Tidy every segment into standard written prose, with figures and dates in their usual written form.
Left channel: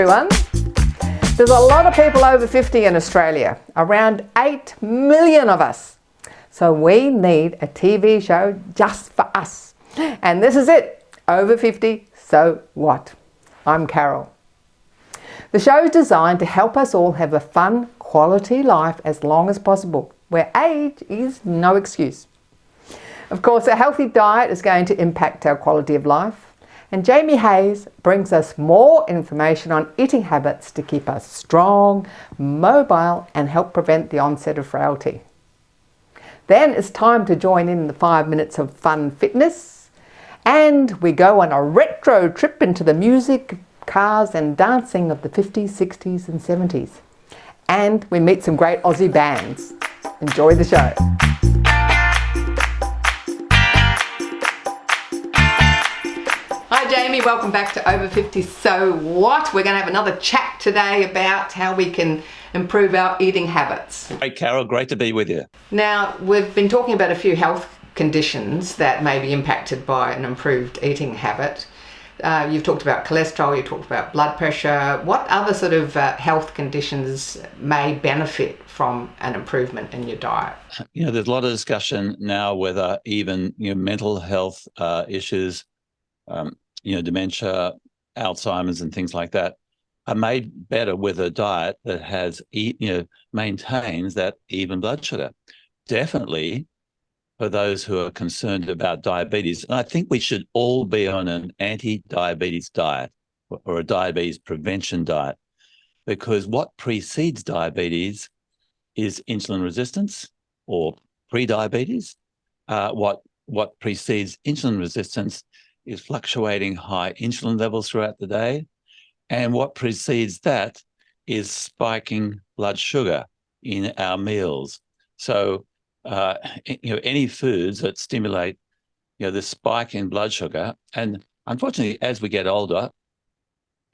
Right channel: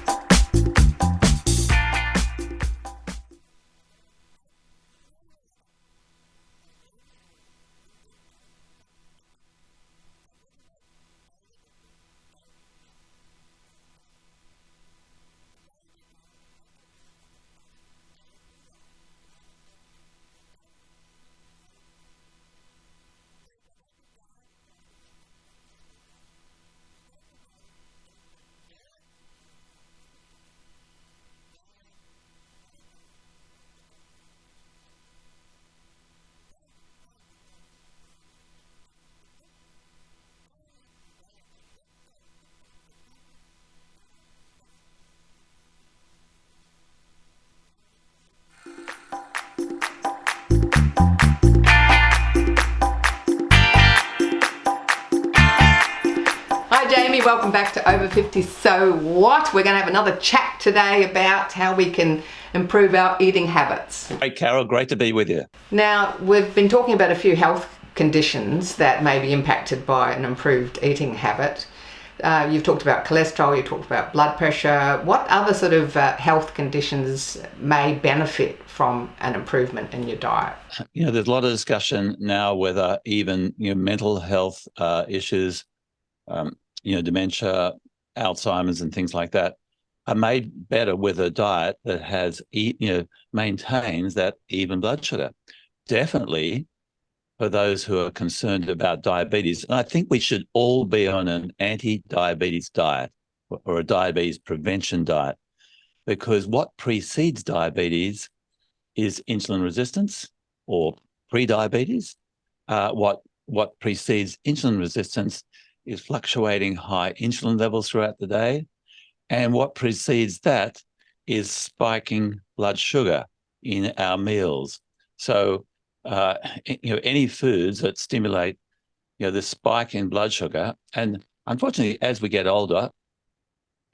everyone. There's a lot of people over 50 in Australia, around 8 million of us. So we need a TV show just for us. And this is it, Over 50, So What? I'm Carol. The show is designed to help us all have a fun, quality life as long as possible, where age is no excuse. Of course, a healthy diet is going to impact our quality of life. And Jamie Hayes brings us more information on eating habits to keep us strong, mobile, and help prevent the onset of frailty. Then it's time to join in the 5 minutes of fun fitness. And we go on a retro trip into the music, cars, and dancing of the 50s, 60s, and 70s. And we meet some great Aussie bands. Enjoy the show. Hi Jamie, welcome back to Over 50 So What? We're going to have another chat today about how we can improve our eating habits. Hey Carol, great to be with you. Now, we've been talking about a few health conditions that may be impacted by an improved eating habit. You've talked about cholesterol, you've talked about blood pressure. What other sort of health conditions may benefit from an improvement in your diet? There's a lot of discussion now whether even mental health issues, dementia, Alzheimer's and things like that are made better with a diet that has, maintains that even blood sugar. Definitely for those who are concerned about diabetes. And I think we should all be on an anti-diabetes diet or a diabetes prevention diet, because what precedes diabetes is insulin resistance or pre-diabetes. What precedes insulin resistance is fluctuating high insulin levels throughout the day. And what precedes that is spiking blood sugar in our meals. So, any foods that stimulate, the spike in blood sugar, and unfortunately, as we get older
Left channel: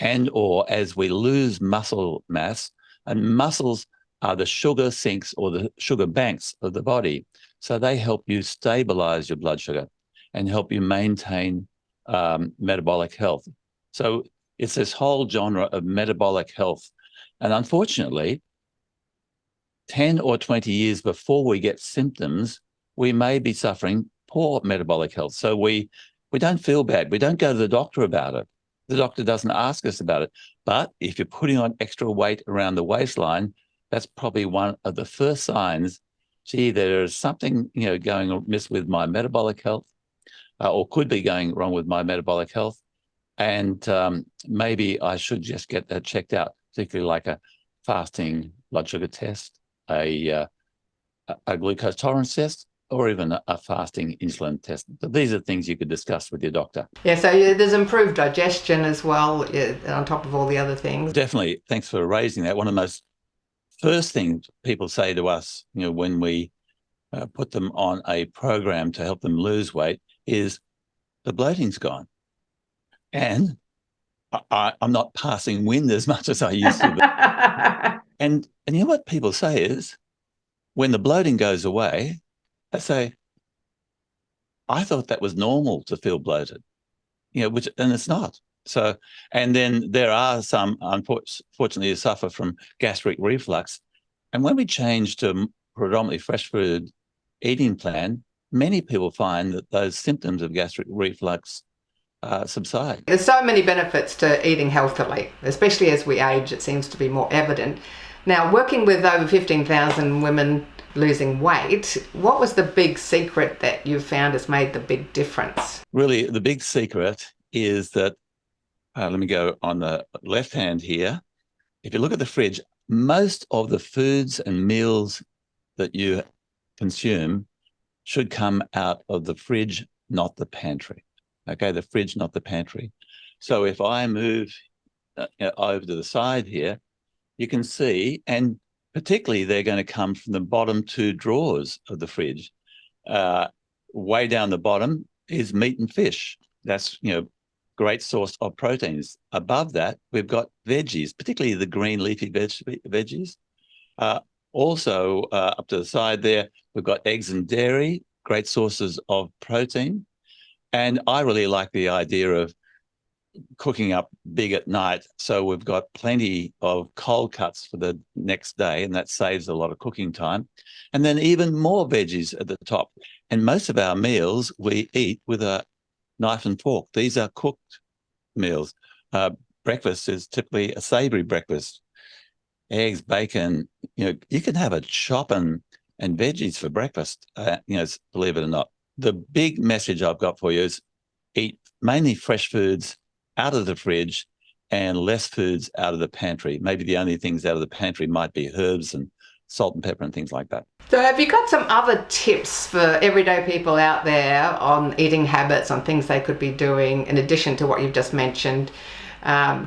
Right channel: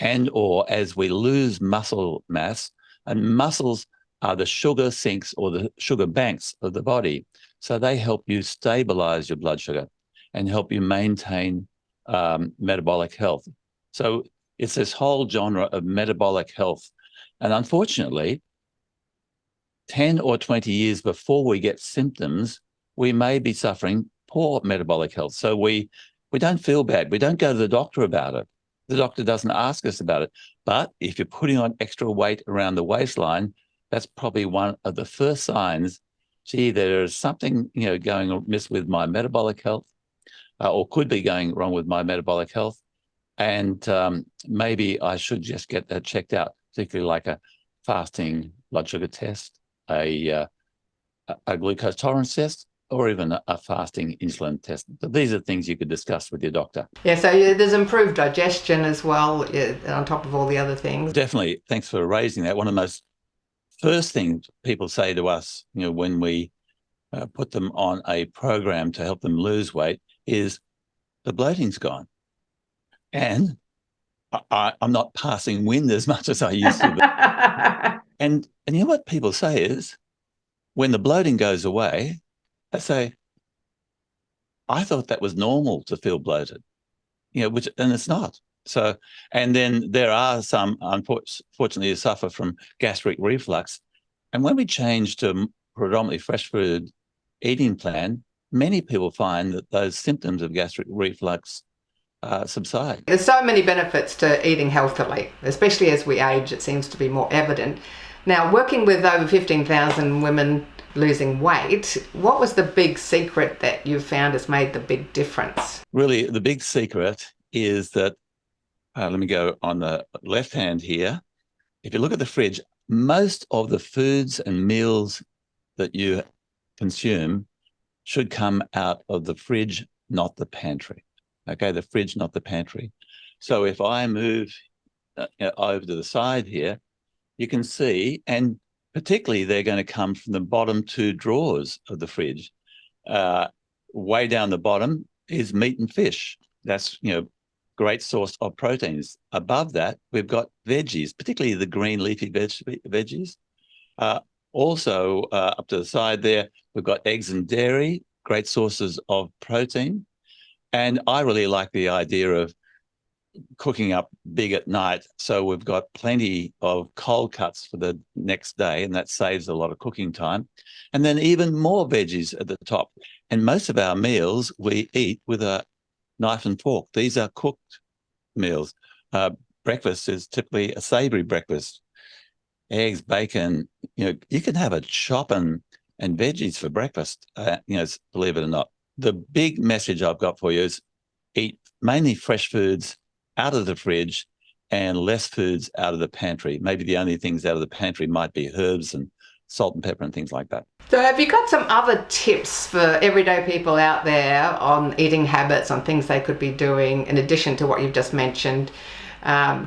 and or as we lose muscle mass, and muscles are the sugar sinks or the sugar banks of the body. So they help you stabilize your blood sugar and help you maintain metabolic health. So it's this whole genre of metabolic health. And unfortunately, 10 or 20 years before we get symptoms, we may be suffering poor metabolic health. So we don't feel bad. We don't go to the doctor about it. The doctor doesn't ask us about it. But if you're putting on extra weight around the waistline, that's probably one of the first signs, gee, there's something, going amiss with my metabolic health, or could be going wrong with my metabolic health. And maybe I should just get that checked out, particularly like a fasting blood sugar test, a glucose tolerance test, or even a fasting insulin test. But these are things you could discuss with your doctor. Yeah, so there's improved digestion as well, on top of all the other things. Definitely. Thanks for raising that. One of the most first things people say to us, when we put them on a program to help them lose weight is the bloating's gone. And I'm not passing wind as much as I used to. And you know what people say is, when the bloating goes away, they say, I thought that was normal to feel bloated, and it's not. So, and then there are some, unfortunately, who suffer from gastric reflux. And when we change to predominantly fresh food eating plan, many people find that those symptoms of gastric reflux subside. There's so many benefits to eating healthily, especially as we age. It seems to be more evident. Now, working with over 15,000 women losing weight, what was the big secret that you found has made the big difference? Really, the big secret is that, let me go on the left hand here. If you look at the fridge, most of the foods and meals that you consume should come out of the fridge, not the pantry. Okay, the fridge, not the pantry. So if I move over to the side here, you can see, and particularly they're going to come from the bottom two drawers of the fridge. Way down the bottom is meat and fish. That's, great source of proteins. Above that, we've got veggies, particularly the green leafy veggies. Also, up to the side there, we've got eggs and dairy, great sources of protein. And I really like the idea of cooking up big at night. So we've got plenty of cold cuts for the next day, and that saves a lot of cooking time. And then even more veggies at the top. And most of our meals we eat with a knife and fork. These are cooked meals. Breakfast is typically a savory breakfast. Eggs, bacon, you can have a chop and veggies for breakfast, believe it or not. The big message I've got for you is eat mainly fresh foods out of the fridge and less foods out of the pantry. Maybe the only things out of the pantry might be herbs and salt and pepper and things like that. So have you got some other tips for everyday people out there on eating habits, on things they could be doing in addition to what you've just mentioned?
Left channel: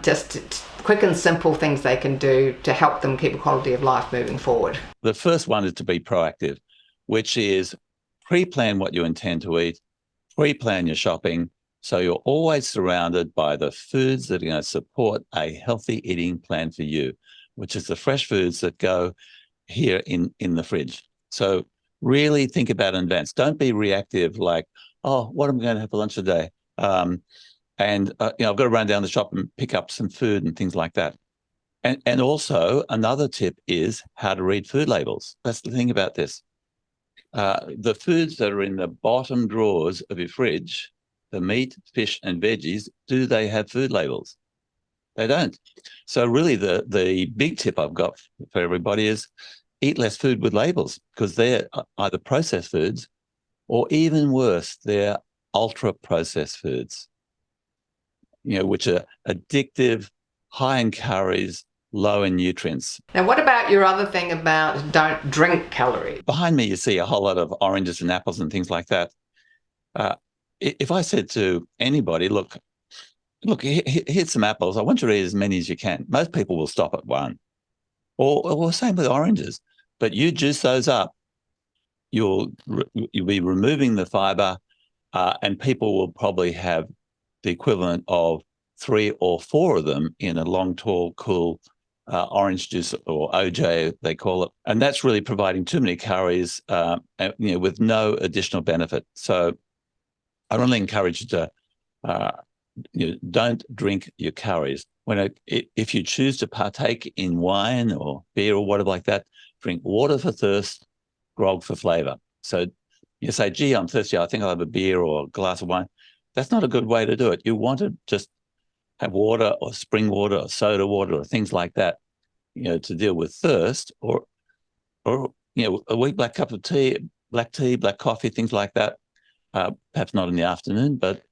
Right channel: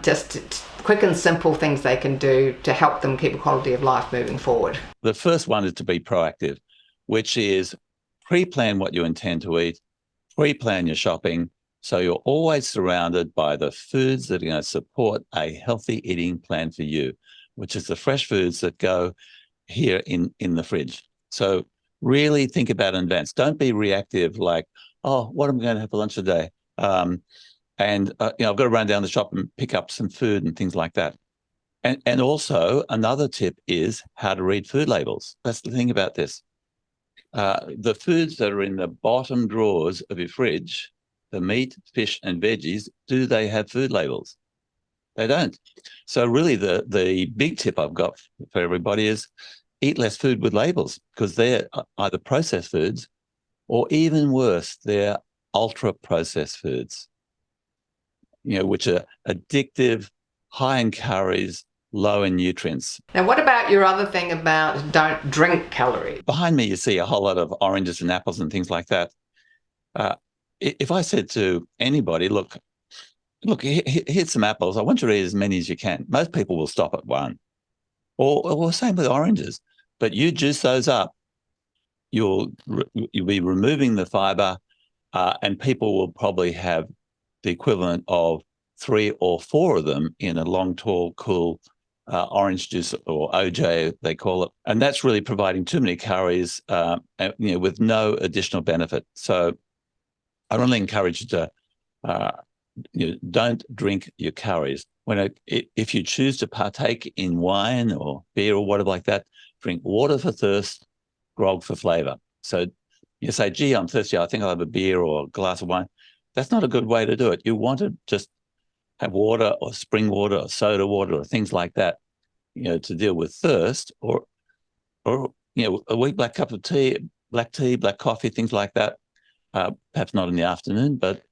Just quick and simple things they can do to help them keep a quality of life moving forward. The first one is to be proactive, which is pre-plan what you intend to eat, pre-plan your shopping, so you're always surrounded by the foods that are going to support a healthy eating plan for you, which is the fresh foods that go here in the fridge. So really think about it in advance. Don't be reactive like, oh, what am I going to have for lunch today? I've got to run down the shop and pick up some food and things like that. And also another tip is how to read food labels. That's the thing about this. The foods that are in the bottom drawers of your fridge, the meat, fish, and veggies, do they have food labels? They don't. So really the big tip I've got for everybody is eat less food with labels, because they're either processed foods or even worse, they're ultra-processed foods, which are addictive, high in calories, low in nutrients. Now, what about your other thing about don't drink calories? Behind me, you see a whole lot of oranges and apples and things like that. If I said to anybody, look, here's some apples. I want you to eat as many as you can. Most people will stop at one. Or same with oranges. But you juice those up, you'll be removing the fiber, and people will probably have the equivalent of 3 or 4 of them in a long, tall, cool orange juice, or OJ, they call it. And that's really providing too many calories, with no additional benefit. So I really encourage you to don't drink your calories. If you choose to partake in wine or beer or whatever like that, drink water for thirst, grog for flavor. So you say, gee, I'm thirsty, I think I'll have a beer or a glass of wine. That's not a good way to do it. You want to just have water or spring water or soda water or things like that, to deal with thirst, or a weak black cup of tea, black coffee, things like that. Perhaps not in the afternoon, but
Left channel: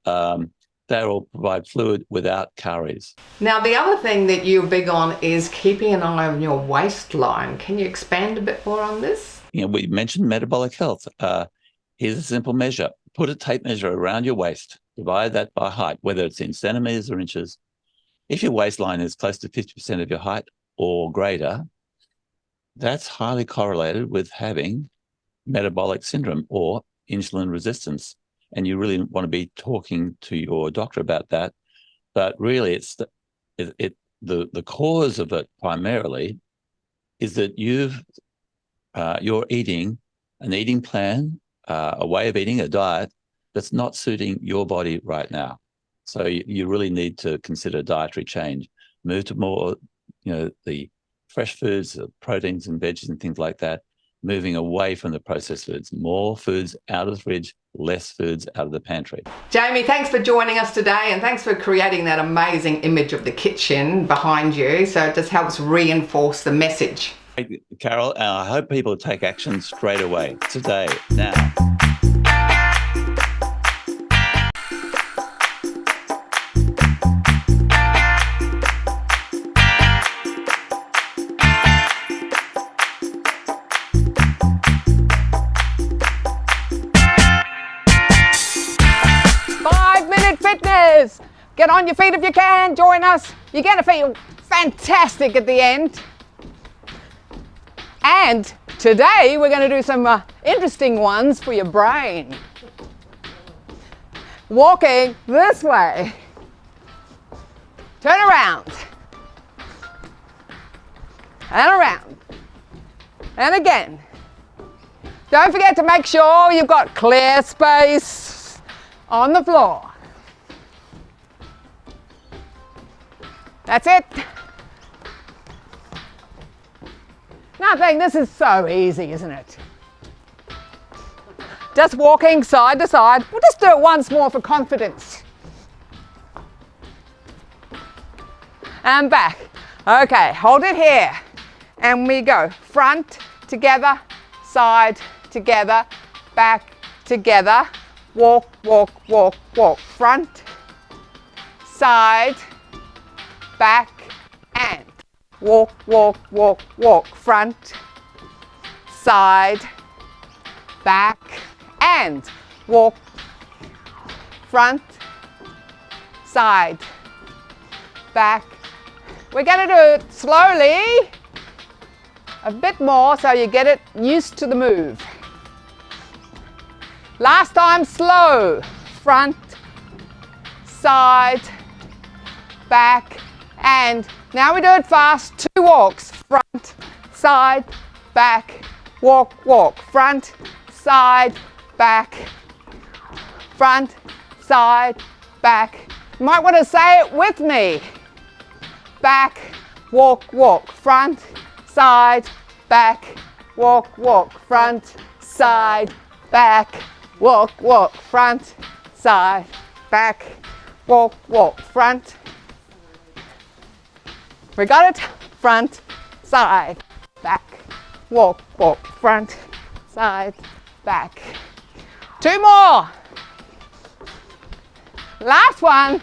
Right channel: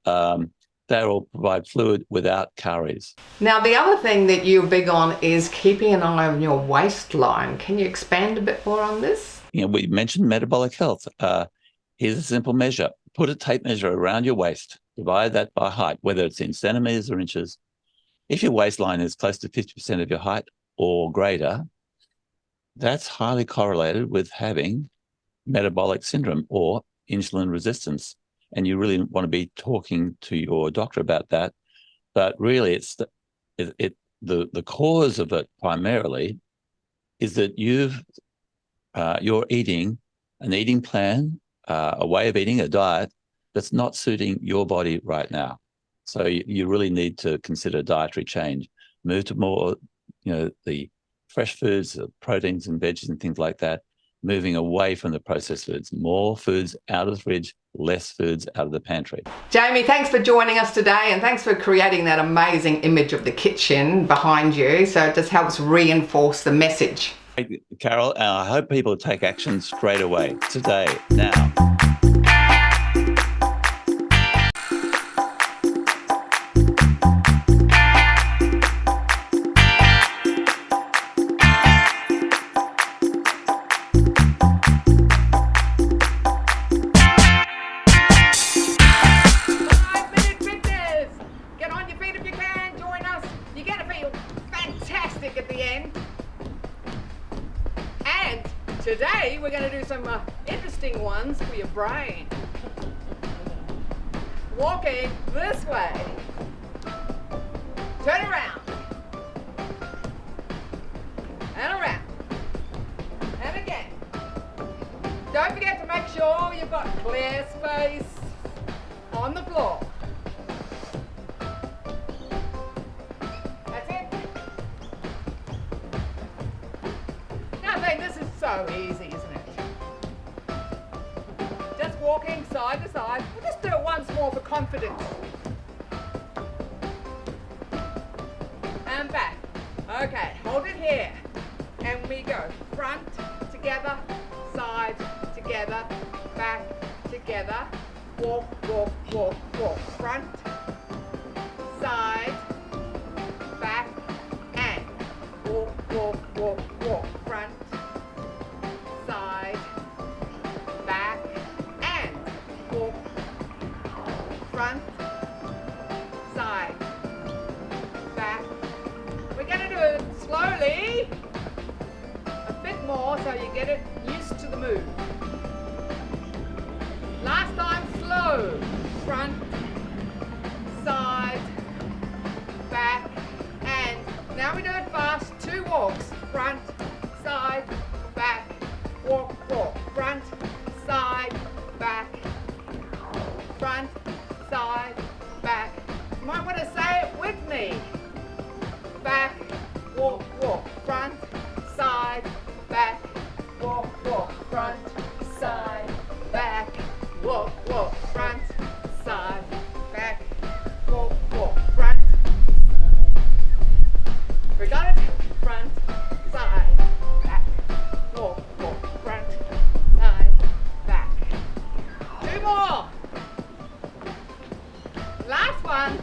they will provide fluid without calories. Now, the other thing that you're big on is keeping an eye on your waistline. Can you expand a bit more on this? We mentioned metabolic health. Here's a simple measure. Put a tape measure around your waist, divide that by height, whether it's in centimeters or inches. If your waistline is close to 50% of your height or greater, that's highly correlated with having metabolic syndrome or insulin resistance. And you really want to be talking to your doctor about that. But really, it's the cause of it primarily is that you're eating an eating plan, a way of eating, a diet that's not suiting your body right now. So you really need to consider dietary change. Move to more, the fresh foods, the proteins and veggies and things like that. Moving away from the processed foods, more foods out of the fridge, less foods out of the pantry. Jamie, thanks for joining us today, and thanks for creating that amazing image of the kitchen behind you, so it just helps reinforce the message. Carol, I hope people take action straight away, today, now. Get on your feet if you can, join us. You're going to feel fantastic at the end. And today we're going to do some interesting ones for your brain. Walking this way. Turn around. And around. And again. Don't forget to make sure you've got clear space on the floor. That's it. Nothing, this is so easy, isn't it? Just walking side to side. We'll just do it once more for confidence. And back. Okay, hold it here. And we go front, together, side, together, back, together. Walk, walk, walk, walk. Front, side, back, and walk, walk, walk, walk. Front, side, back, and walk. Front, side, back. We're going to do it slowly, a bit more so you get it used to the move. Last time, slow. Front, side, back, and now we do it fast. 2 walks. Front, side, back, walk, walk. Front, side, back, front, side, back. You might want to say it with me. Back, walk, walk. Front, side, back, walk, walk. Front, side, back, walk, walk. Front, side, back, walk, walk. Front. We got it. Front, side, back, walk, walk. Front, side, back. 2 more. Last one.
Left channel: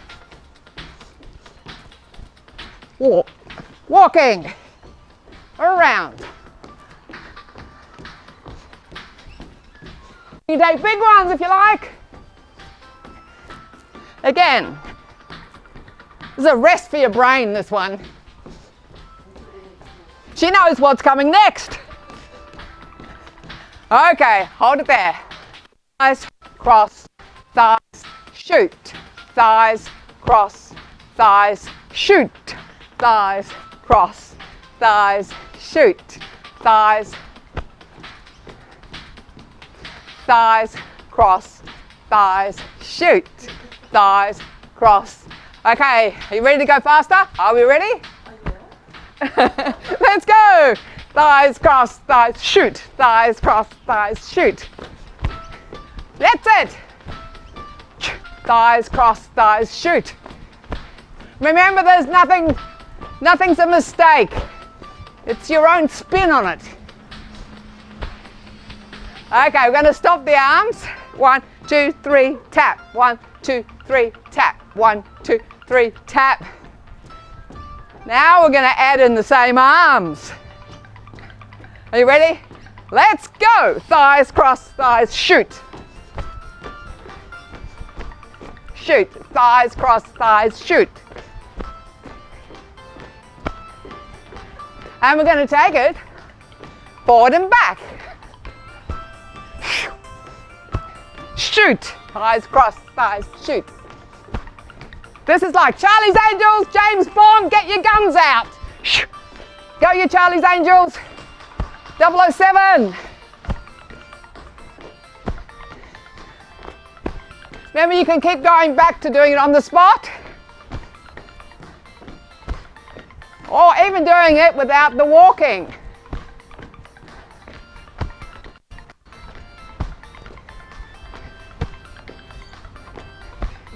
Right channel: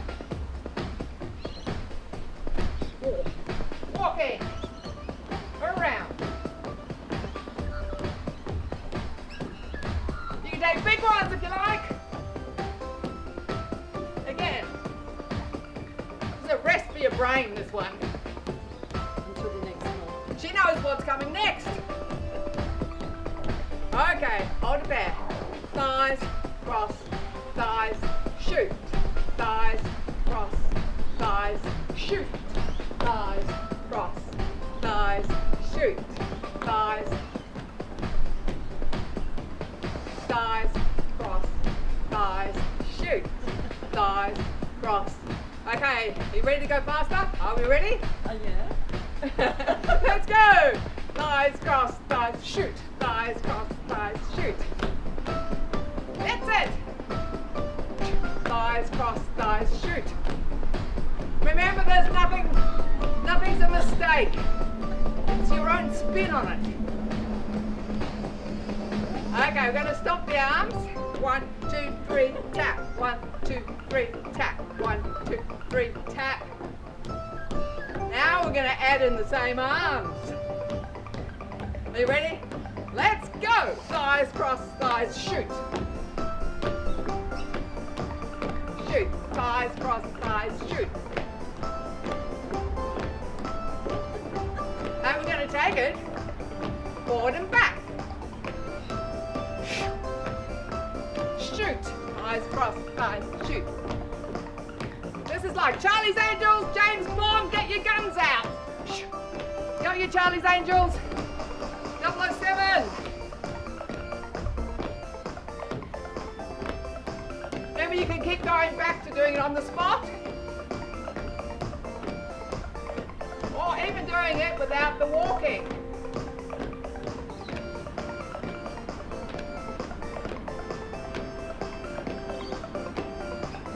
Walk. Walking around. You take big ones if you like. Again, this is a rest for your brain, this one. She knows what's coming next. Okay, hold it there. Thighs, cross, thighs, shoot. Thighs, cross, thighs, shoot. Thighs, cross, thighs, shoot. Thighs, thighs, cross, thighs, shoot. Thighs, cross. Okay, are you ready to go faster? Are we ready? Yeah. Let's go. Thighs, cross, thighs, shoot. Thighs, cross, thighs, shoot. That's it. Thighs, cross, thighs, shoot. Remember, there's nothing's a mistake. It's your own spin on it. Okay, we're going to stop the arms. 1, 2, 3, tap. 1, 2, 3, tap. 1, 2, 3, tap. Now we're going to add in the same arms. Are you ready? Let's go. Thighs, cross, thighs, shoot. Shoot. Thighs, cross, thighs, shoot. And we're going to take it forward and back. Shoot. Thighs, cross, thighs, shoot. This is like Charlie's Angels, James Bond, get your guns out. Go you Charlie's Angels. 007. Remember, you can keep going back to doing it on the spot. Or even doing it without the walking.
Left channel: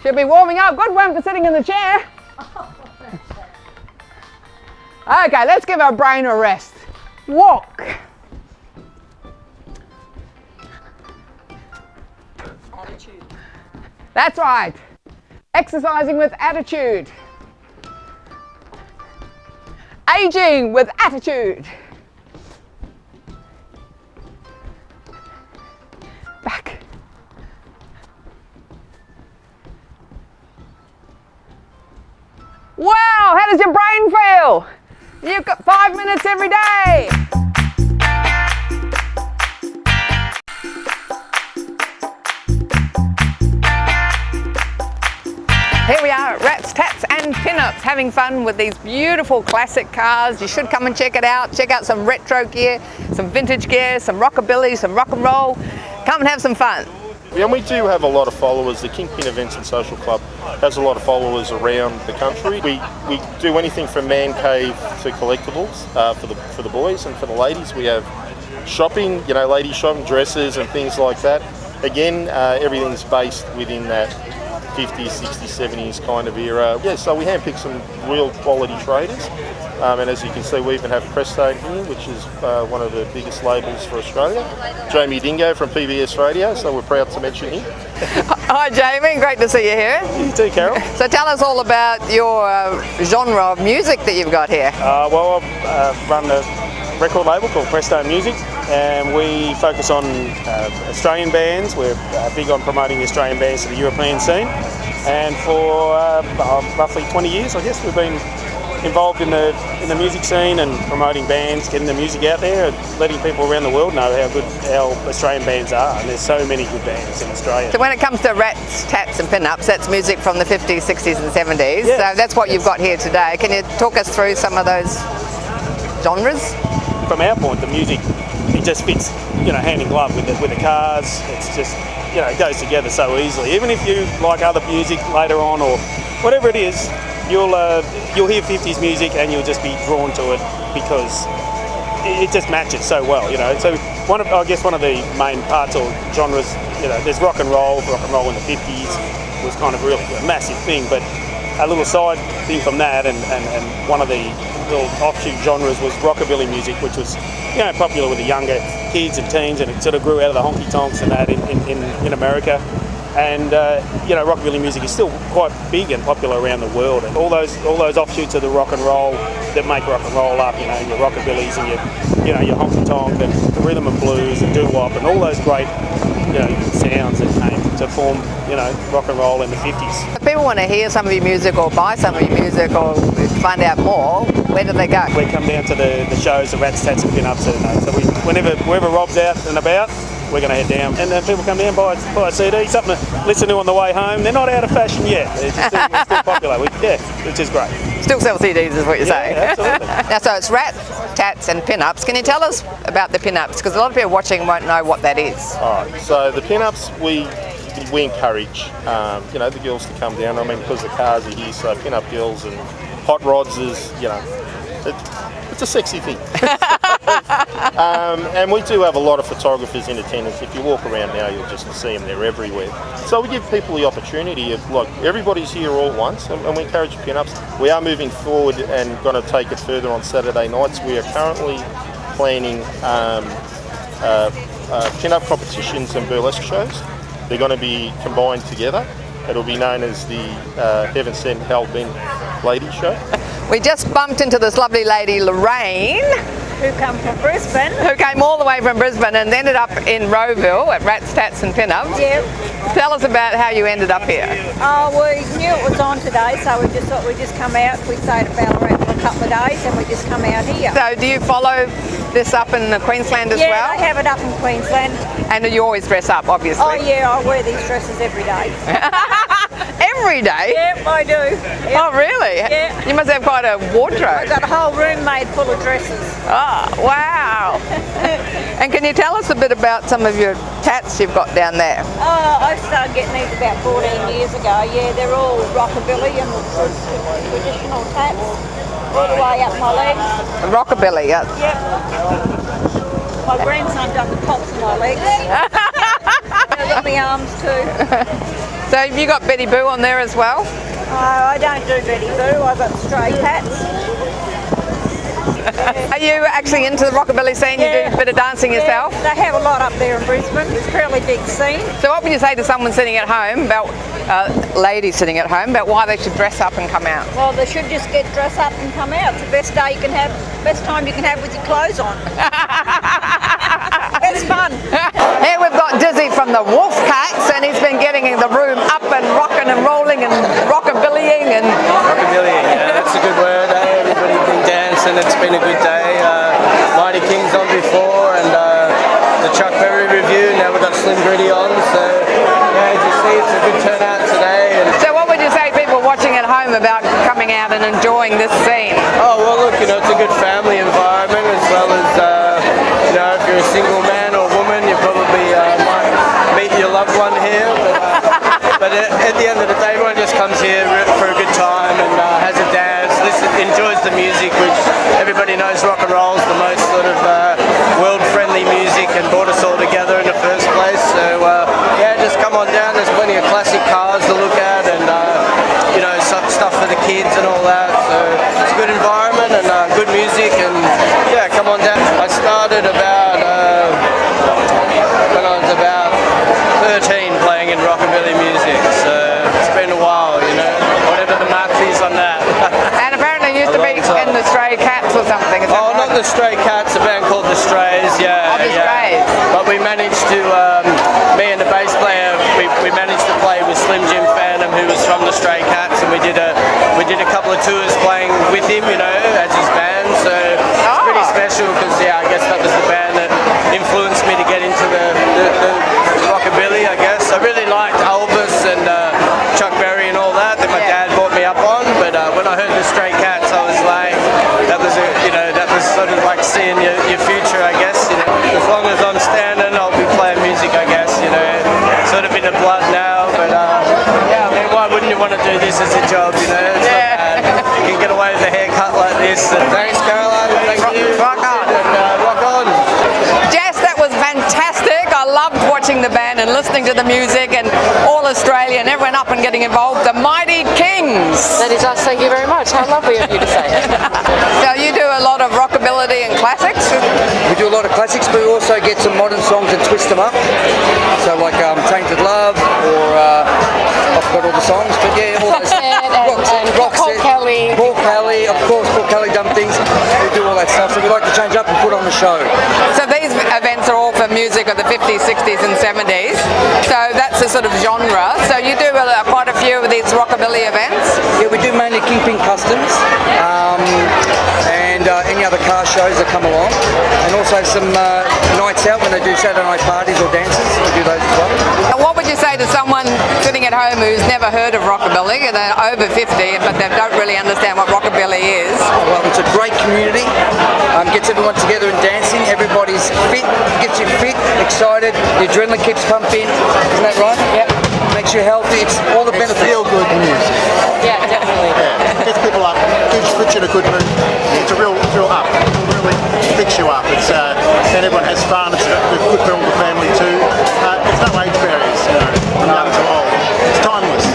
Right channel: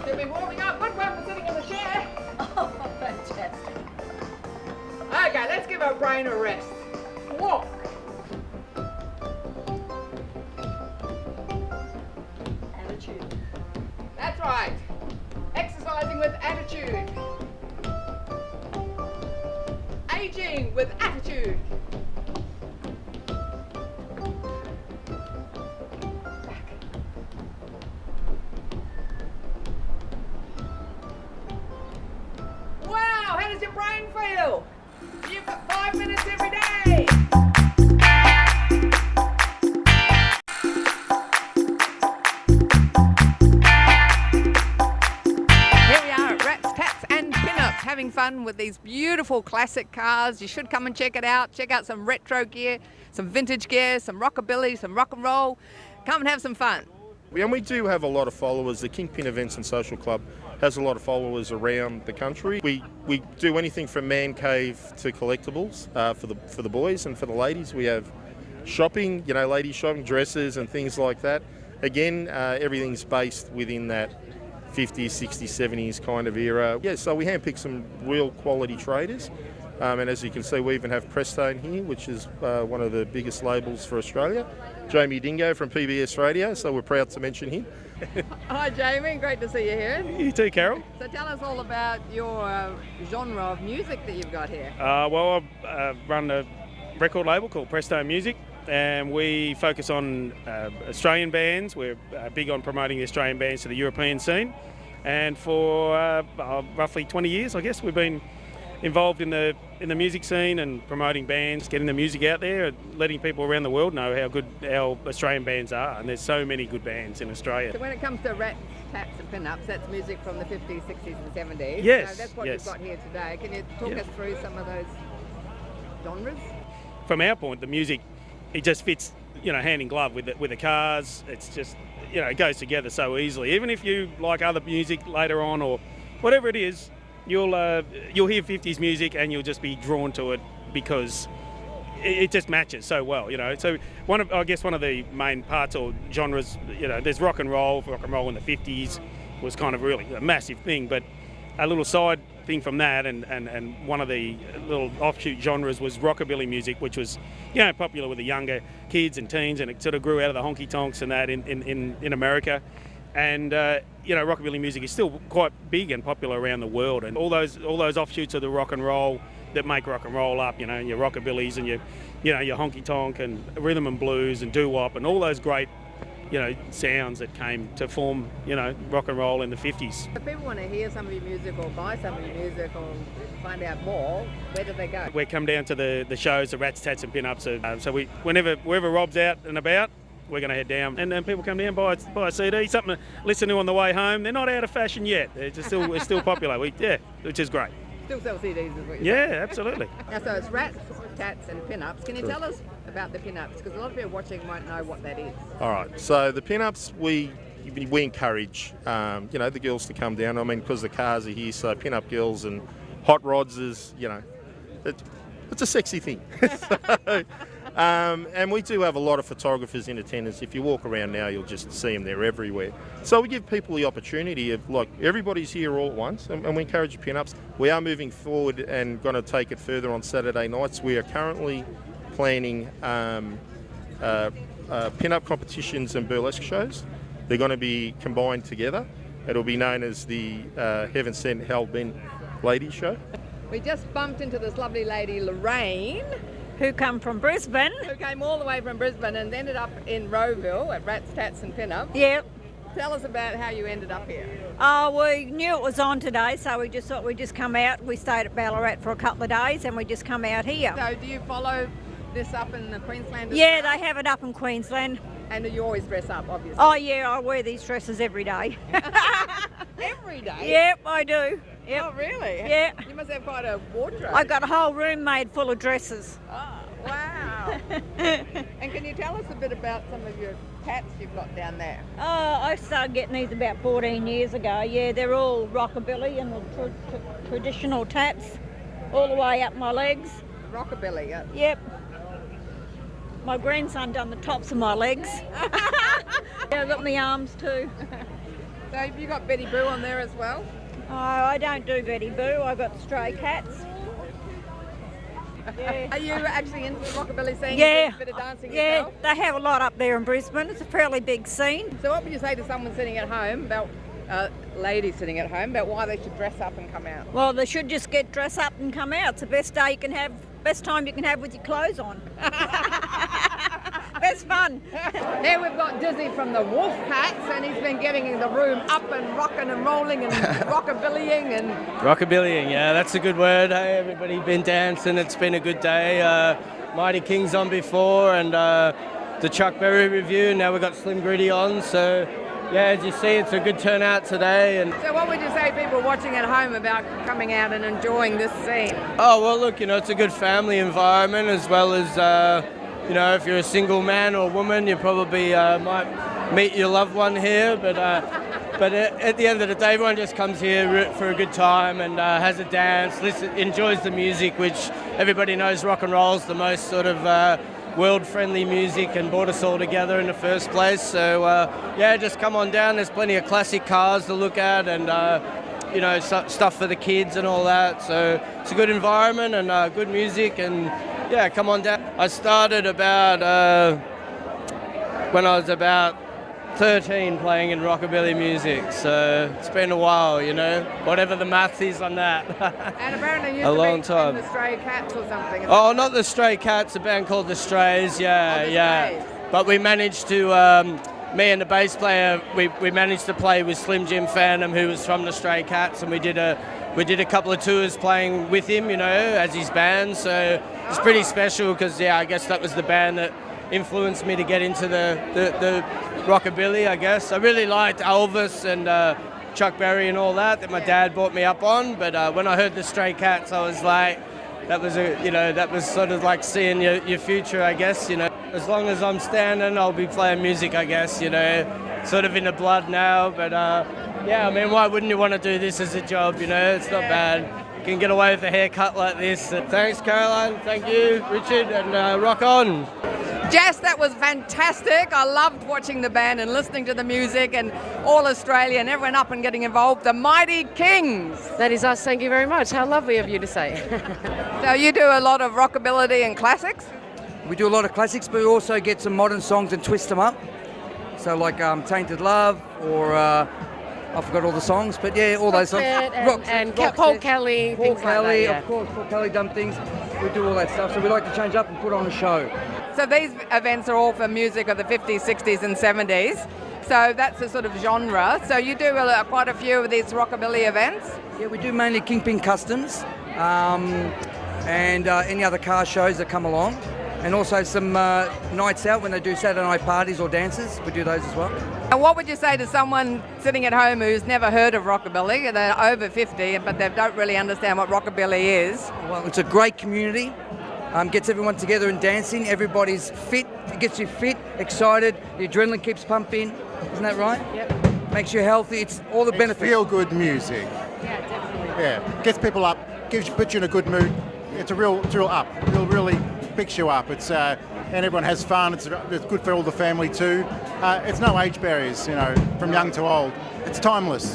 Should be warming up. Good one for sitting in the chair. Oh, fantastic. Okay, let's give our brain a rest. Walk. Attitude. That's right. Exercising with attitude. Aging with attitude. Back. Wow, how does your brain feel? You've got 5 minutes every day. Here we are at Rats, Tatts and Pinups, having fun with these beautiful classic cars. You should come and check it out. Check out some retro gear, some vintage gear, some rockabilly, some rock and roll. Come and have some fun. And we do have a lot of followers. The Kingpin Events and Social Club has a lot of followers around the country. We do anything from man cave to collectibles for the boys, and for the ladies we have shopping, ladies shopping, dresses and things like that. Again, everything's based within that 50s, 60s, 70s kind of era. Yeah, so we handpick some real quality traders. And as you can see, we even have Presto here, which is one of the biggest labels for Australia. Jamie Dingo from PBS Radio, so we're proud to mention him. Hi Jamie, great to see you here. You too, Carol. So tell us all about your genre of music that you've got here. Well, I run a record label called Presto Music, and we focus on Australian bands. We're big on promoting the Australian bands to the European scene. And for roughly 20 years, I guess, we've been involved in the music scene and promoting bands, getting the music out there, and letting people around the world know how good our Australian bands are. And there's so many good bands in Australia. So when it comes to Rats, Tatts and Pinups, that's music from the 50s, 60s and 70s. Yes, so that's what you've got here today. Can you talk us through some of those genres? From our point, the music, it just fits, hand in glove with the cars. It's just, it goes together so easily. Even if you like other music later on or whatever it is, you'll hear 50s music and you'll just be drawn to it because it just matches so well, So one of the main parts or genres, there's rock and roll. Rock and roll in the 50s was kind of really a massive thing, but a little side thing from that, and one of the little offshoot genres was rockabilly music, which was popular with the younger kids and teens, and it sort of grew out of the honky tonks and that in America. And rockabilly music is still quite big and popular around the world, and all those offshoots of the rock and roll that make rock and roll up, your rockabillys and your honky tonk and the rhythm and blues and doo wop and all those great sounds that came to form rock and roll in the 50s. If people want to hear some of your music or buy some of your music or find out more, where do they go? We come down to the shows, the Rats, Tatts and Pinups, so whenever Rob's out and about, we're going to head down, and then people come down, buy a CD, something to listen to on the way home. They're not out of fashion yet. It's still popular. Which is great. Still sell CDs is what you're saying. Absolutely. Now, so it's Rats, Tatts and Pinups. Can you tell us about the Pinups? Because a lot of people watching won't know what that is. All right, so the Pinups, we encourage, the girls to come down. I mean, because the cars are here, so Pinup girls and hot rods is, it's a sexy thing. And we do have a lot of photographers in attendance. If you walk around now, you'll just see them. They're everywhere. So we give people the opportunity of, everybody's here all at once, and we encourage Pinups. We are moving forward and going to take it further on Saturday nights. We are currently planning Pinup competitions and burlesque shows. They're going to be combined together. It'll be known as the Heaven Sent Hell Bent Ladies Show. We just bumped into this lovely lady, Lorraine, Who come from Brisbane. who came all the way from Brisbane and ended up in Rowville at Rats, Tatts and Pinups. Yep. Tell us about how you ended up here. Oh, we knew it was on today, so we just thought we'd just come out. We stayed at Ballarat for a couple of days and we just come out here. So do you follow this up in Queensland as well? Yeah, they have it up in Queensland. And you always dress up, obviously. Oh yeah, I wear these dresses every day. Every day? Yep, I do. Yep. Oh, really? Yeah. You must have quite a wardrobe. I've got a whole room made full of dresses. Oh, wow. And can you tell us a bit about some of your tats you've got down there? Oh, I started getting these about 14 years ago. Yeah, they're all rockabilly and traditional tats, all the way up my legs. Rockabilly, yeah. Yep. My grandson done the tops of my legs. I've got my arms too. So have you got Betty Boo on there as well? I don't do Betty Boo, I've got stray tats. Are you actually into the rockabilly scene? Yeah. You do a bit of dancing yourself? Yeah, they have a lot up there in Brisbane. It's a fairly big scene. So what would you say to someone sitting at home about, ladies sitting at home, about why they should dress up and come out? Well, they should just get dressed up and come out. It's the best day you can have, best time you can have with your clothes on. It's fun. Here we've got Dizzy from the Wolf Katz, and he's been getting the room up and rocking and rolling and rockabillying and... Rockabillying, yeah, that's a good word. Everybody's been dancing, it's been a good day. Mighty King's on before, and the Chuck Berry review, now we've got Slim Gritty on, so yeah, as you see, it's a good turnout today. And So what would you say people watching at home about coming out and enjoying this scene? oh, well look, it's a good family environment, as well as, if you're a single man or woman, you probably might meet your loved one here. but at the end of the day, everyone just comes here for a good time and has a dance, enjoys the music, which everybody knows rock and roll is the most sort of world-friendly music and brought us all together in the first place. So yeah, just come on down. There's plenty of classic cars to look at and you know, stuff for the kids and all that. So it's a good environment and good music, and yeah, come on down. I started about when I was about 13 playing in rockabilly music, so it's been a while, you know, whatever the math is on that. And apparently you used to be in the Stray Katz or something. Is that Oh, right? not the Stray Katz, a band called the Strays, yeah. Oh, the Strays. But we managed to, me and the bass player, we managed to play with Slim Jim Phantom, who was from the Stray Katz, and we did a couple of tours playing with him, you know, as his band. So it's pretty special because, yeah, I guess that was the band that influenced me to get into the rockabilly, I guess. I really liked Elvis and Chuck Berry and all that my dad brought me up on, but when I heard the Stray Katz, I was like, that was sort of like seeing your future, I guess. You know, as long as I'm standing, I'll be playing music, I guess. You know, sort of in the blood now, but yeah, I mean, why wouldn't you want to do this as a job? You know, it's not bad. You can get away with a haircut like this. Thanks, Caroline. Thank you. Rock on. And, rock on. Jess, that was fantastic. I loved watching the band and listening to the music, and all Australia and everyone up and getting involved. The Mighty Kings. That is us, thank you very much. How lovely of you to say it. So you do a lot of rockabilly and classics? We do a lot of classics, but we also get some modern songs and twist them up. So like Tainted Love, or I forgot all the songs, but yeah, all those. and Paul Kelly. Paul Kelly, of course, Paul Kelly done things. We do all that stuff, so we like to change up and put on the show. So these events are all for music of the 50s, 60s and 70s. So that's a sort of genre. So you do quite a few of these rockabilly events? Yeah, we do mainly Kingpin Customs, and any other car shows that come along, and also some nights out when they do Saturday night parties or dances. We do those as well. And what would you say to someone sitting at home who's never heard of rockabilly? They're over 50, but they don't really understand what rockabilly is. Well, it's a great community. Gets everyone together and dancing. Everybody's fit, gets you fit, excited. The adrenaline keeps pumping. Isn't that right? Yep. Makes you healthy. It's all the benefits. Feel good music. Yeah, definitely. Gets people up, puts you in a good mood. It's a real up. It really picks you up. It's and everyone has fun. It's good for all the family too. There's no age barriers, you know, from young to old. It's timeless.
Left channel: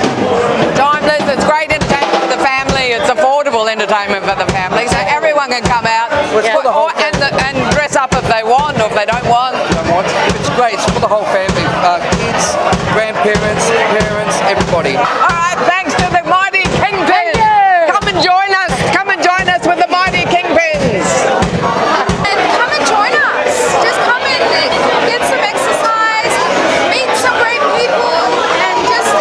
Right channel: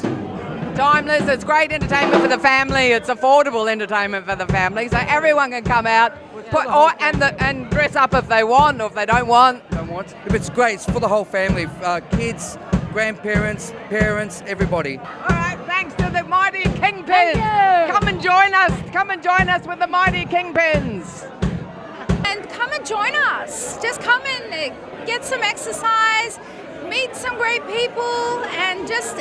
Timeless, it's great entertainment for the family, it's affordable entertainment for the family, so everyone can come out and dress up if they want or if they don't want. It's great. It's for the whole family. Kids, grandparents, parents, everybody. All right, thanks to the Mighty Kingpins. Come and join us. Come and join us with the Mighty Kingpins. And come and join us. Just come and get some exercise, meet some great people, and just,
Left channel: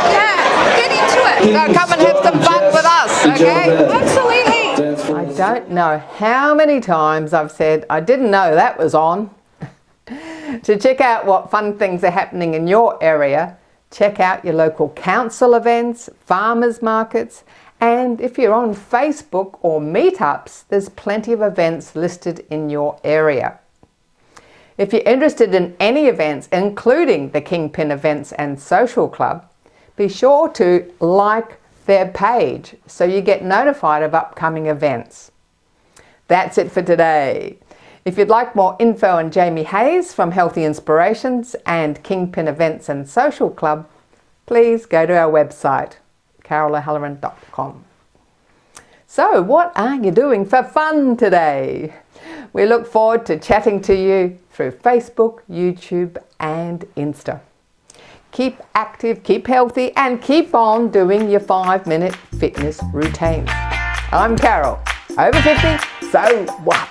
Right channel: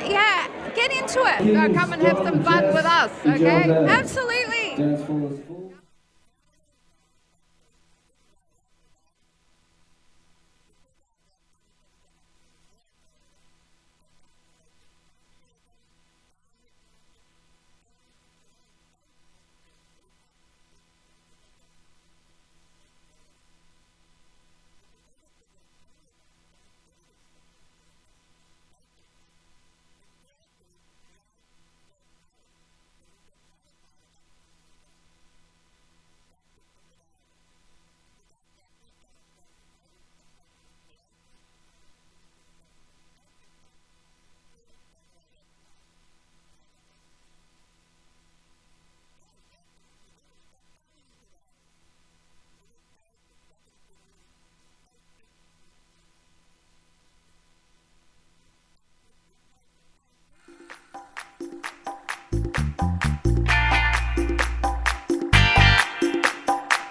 get into it. So come and have some fun with us, okay? Absolutely. I don't know how many times I've said I didn't know that was on. To check out what fun things are happening in your area, check out your local council events, farmers markets, and if you're on Facebook or meetups, there's plenty of events listed in your area. If you're interested in any events, including the Kingpin Events and Social Club, be sure to like their page so you get notified of upcoming events. That's it for today. If you'd like more info on Jamie Hayes from Healthy Inspirations and Kingpin Events and Social Club, please go to our website, carolohalloran.com. So what are you doing for fun today? We look forward to chatting to you through Facebook, YouTube and Insta. Keep active, keep healthy and keep on doing your 5-minute fitness routine. I'm Carol, over 50, so what?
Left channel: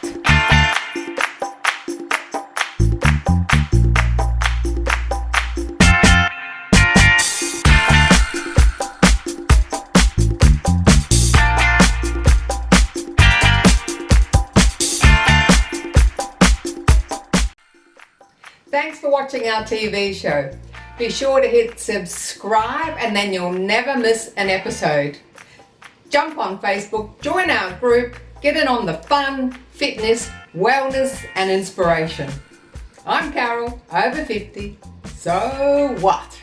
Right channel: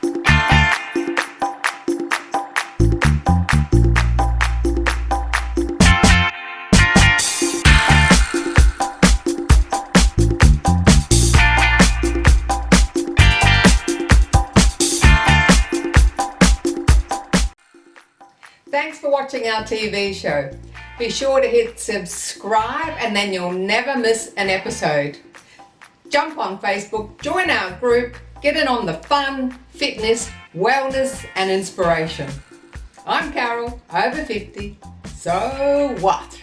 Thanks for watching our TV show. Be sure to hit subscribe and then you'll never miss an episode. Jump on Facebook, join our group, get in on the fun, fitness, wellness and inspiration. I'm Carol, over 50, so what?